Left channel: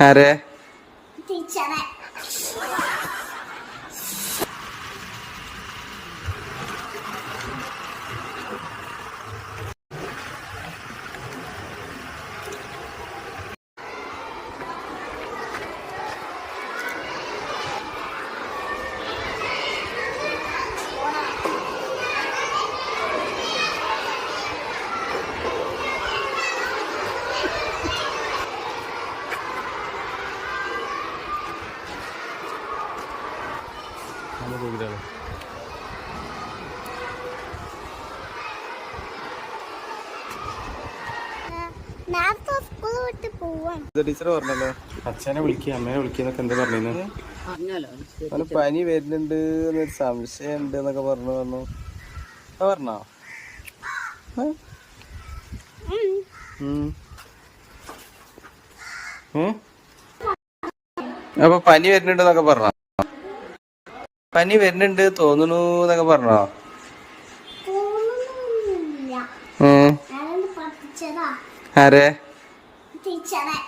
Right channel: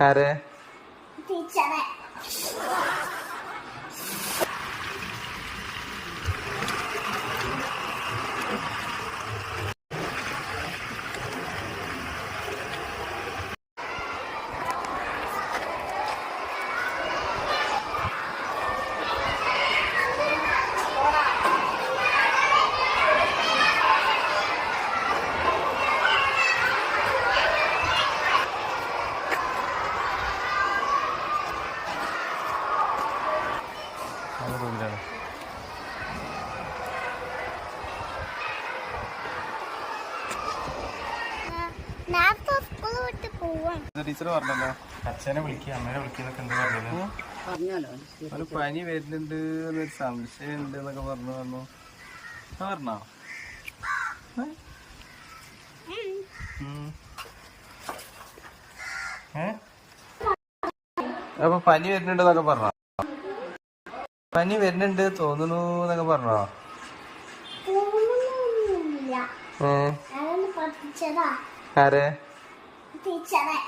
ആരെ ടീച്ചറെ ടീച്ചർ പറഞ്ഞല്ലോ അച്ഛനെ വിളിക്കുക അമ്മേനെ വിളിക്കുന്നൊക്കെ എന്താ പറഞ്ഞു അവന് പനി വരുന്നുണ്ട് എന്നൊരു സംശയം ഉണ്ട് എന്നൊക്കെ പറഞ്ഞു പറഞ്ഞോ അപ്പൊ പനി വരുന്നുണ്ട് എന്നൊക്കെ പറഞ്ഞോ പനി വരുന്നുണ്ട് തോന്നുന്നു എന്നൊക്കെ പറഞ്ഞോ ആരെ ടീച്ചറെ